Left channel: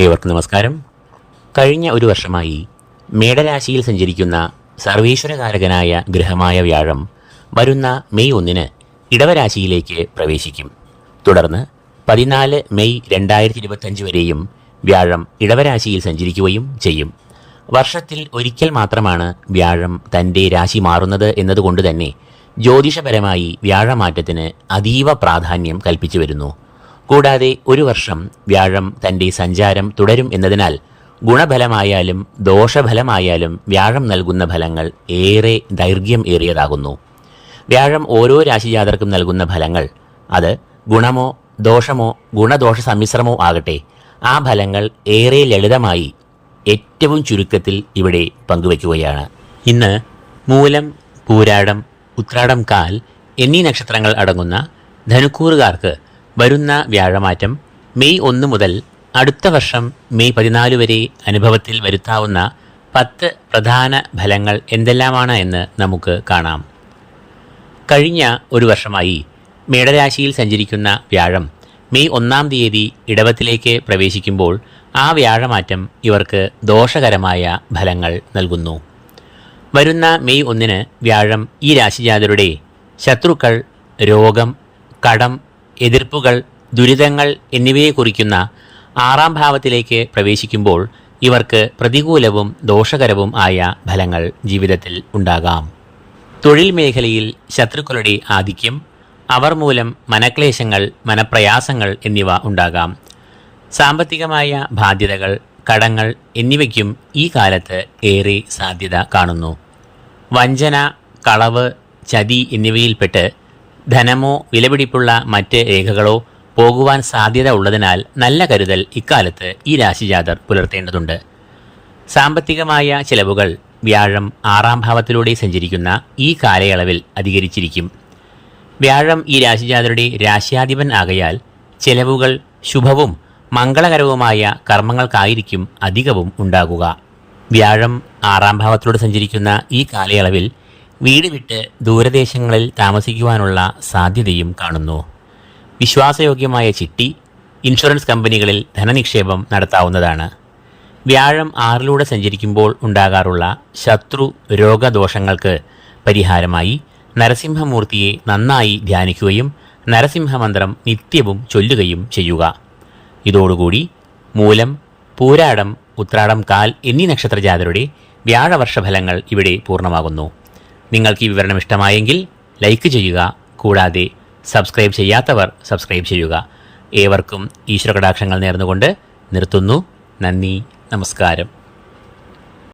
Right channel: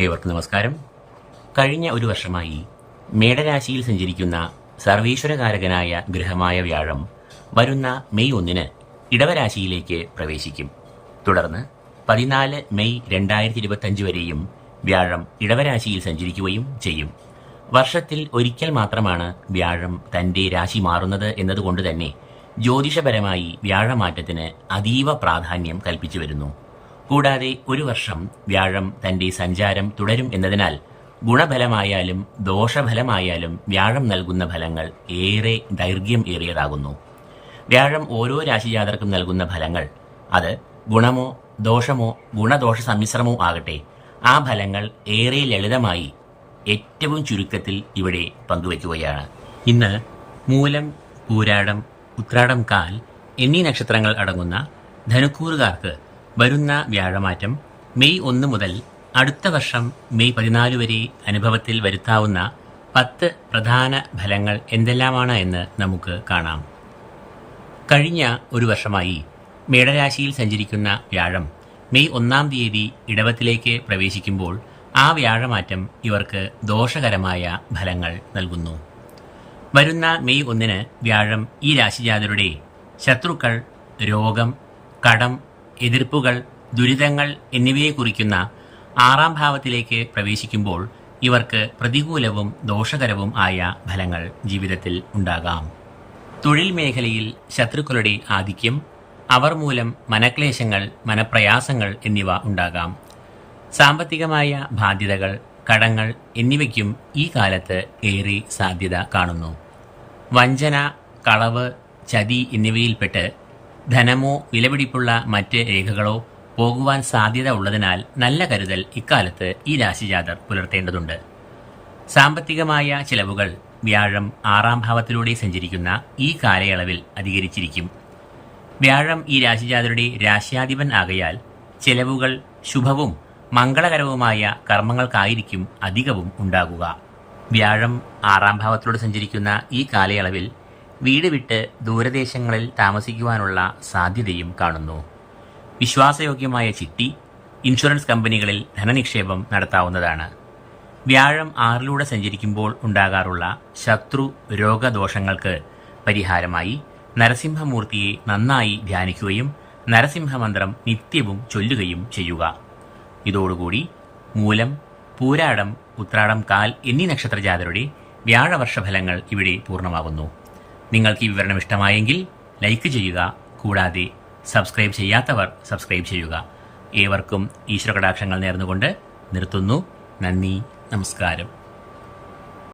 ഏവർക്കും നമസ്കാരം. കഴിഞ്ഞ ഒരു വർഷമായി മേടരാശിയിൽ സഞ്ചരിക്കുന്ന സർവീശ്വരകാരകനായ ഗ്രഹമായ വ്യാഴം വരുന്ന മെയ് ഒന്നിന് ഇടവരാശിയിലേക്ക് പ്രവേശിക്കും. തുടർന്ന് പതിനാല് മെയ് രണ്ടായിരത്തി ഇരുപത്തഞ്ച് വരെയും വ്യാഴം ഇടവരാശിയിൽ സഞ്ചരിക്കുകയും ചെയ്യും. വർഷത്തിൽ ഒരിക്കൽ മാത്രമാണ് വ്യാഴം തന്റെ രാശി മാറുന്നത് എന്നതുകൊണ്ട് തന്നെ ജ്യോതിഷപരമായി വ്യാഴമാറ്റത്തിന് അതീവ പ്രാധാന്യം കൽപ്പിച്ചു വരുന്നു. കൂടാതെ ഒരു വർഷം വ്യാഴം തന്റെ സഞ്ചാരം തുടരും എന്നതിനാൽ ഗുണഫലമായാലും ദോഷഫലമായാലും വ്യാഴം നൽകുന്ന ഫലങ്ങൾ ഏറെ ദൈർഘ്യം ഏറിയതാകുന്നു. വ്യാഴം ഓരോ രാശിജാതർക്കും നൽകുന്ന ഫലങ്ങൾ അത് ഗുണമോ ദോഷമോ ഗുണദോഷ സമ്മിശ്രമോ ആകട്ടെ ആ ഫലങ്ങൾ ഏറെ ലളിതമായി ഏറ്റവും ചുരുക്കത്തിൽ ഇവിടെ പങ്കുവയ്ക്കുകയാണ് ഇന്ന് മൂലം പൂരാടം ഉത്രാടം കാൽ എന്നീ നക്ഷത്രങ്ങൾ അടങ്ങുന്ന ധനുക്കൂറുകാർക്ക് വരുന്ന വ്യാഴമാറ്റം മെയ് ഒന്ന് മുതൽ അടുത്ത വർഷം മെയ് പതിനാല് വരെ അനുഭവത്തിൽ വരുത്താവുന്ന പത്ത് പ്രധാന ഫലങ്ങൾ എന്തെല്ലാമാണ് എന്ന് നമുക്ക് കാണാം. കഴിഞ്ഞ ഒരു വർഷമായി മേടരാശിയിൽ സഞ്ചരിക്കുന്ന വ്യാഴം മെയ് ഒന്നാം തീയതി ഇടവത്തിലേക്ക് പ്രവേശിക്കുമ്പോൾ ആ വ്യാഴമാറ്റം ഇവർക്ക് ദോഷകരമായ ഫലങ്ങൾ നൽകുന്നു. വരുന്ന മെയ് ഒന്നിന് വ്യാഴം ഈ രാശിജാതരുടെ ശത്രുക്കൾ രോഗം കടം എതിർപ്പുകൾ ദുരിതങ്ങൾ എന്നിവയെ കുറിക്കുന്ന ആറാം ഭാവത്തിലേക്ക് പ്രവേശിക്കുമ്പോൾ ഇവർക്ക് പ്രതികൂലവും ദോഷകരവും ആയ ഫലങ്ങൾ ജീവിതത്തിൽ ഉണ്ടാകാം. തൊഴിൽ മേഖലയിൽ ശത്രുക്കളുടെ ആധിക്യം അവർ മൂലം മനക്ലേശങ്ങൾ മനപ്രയാസങ്ങൾ എന്നിവ ഉണ്ടാകാം. സാമ്പത്തികമായ ബാധ്യതകൾ കടങ്ങൾ എന്നിവയ്ക്കും ഈ കാലത്ത് ഏറെ സാധ്യത കാണുന്നു. വഞ്ചന കളവ് ചതി എന്നിവയിൽപ്പെട്ട് ധനമോ വിലപിടിപ്പുള്ള മറ്റ് രേഖകളോ പോകുവാൻ സാധ്യത ഉള്ളതിനാൽ നല്ല കരുതൽ ഇക്കാലത്ത് ഈ രാശിജാതർ പുലർത്തേണ്ടതുണ്ട്. സാമ്പത്തികമായ ചെലവുകൾ വ്യാഴം ആറാം ഭാവത്തിലൂടെ സഞ്ചരിക്കുന്ന ഈ കാലയളവിൽ അധികരിച്ചിരിക്കും. വ്യാഴം ഈ രാശിജാതരുടെ രാശ്യാധിപൻ ആകയാൽ ചെലവുകൾ ശുഭവും മംഗളകരവുമായ കർമ്മങ്ങൾക്കായിരിക്കും അധികവും ഉണ്ടാകുക. വ്യാഴം ആറാം ഭാവത്തിലൂടെ സഞ്ചരിക്കുന്ന ഈ കാലയളവിൽ വീട് വിട്ട് ദൂരദേശങ്ങളിൽ താമസിക്കുവാനുള്ള സാധ്യതയും കാണുന്നു. വിശ്വാസയോഗ്യമായ ചിട്ടി ഇൻഷുറൻസ് കമ്പനികളിൽ ധനനിക്ഷേപം നടത്താവുന്നതാണ്. വ്യാഴം ആറിലൂടെ സഞ്ചരിക്കുമ്പോൾ ഉണ്ടാകാറുള്ള ശത്രു രോഗദോഷങ്ങൾക്ക് പരിഹാരമായി നരസിംഹമൂർത്തിയെ നന്നായി ധ്യാനിക്കുകയും നരസിംഹമന്ത്രം നിത്യവും ചൊല്ലുകയും ചെയ്യുക. ഇതോടുകൂടി മൂലം പൂരാടം ഉത്രാടം കാൽ എന്നീ നക്ഷത്രജാതരുടെ വ്യാഴവർഷഫലങ്ങൾ ഇവിടെ പൂർണമാകുന്നു. നിങ്ങൾക്ക് ഈ വിവരണം ഇഷ്ടമായെങ്കിൽ ലൈക്ക് ചെയ്യുക. കൂടാതെ സബ്സ്ക്രൈബ് ചെയ്യാത്തവർ സബ്സ്ക്രൈബ് ചെയ്യുക. ഏവർക്കും ഈശ്വര കടാക്ഷങ്ങൾ നേർന്നുകൊണ്ട് നിർത്തുന്നു. നന്ദി. നമസ്കാരം.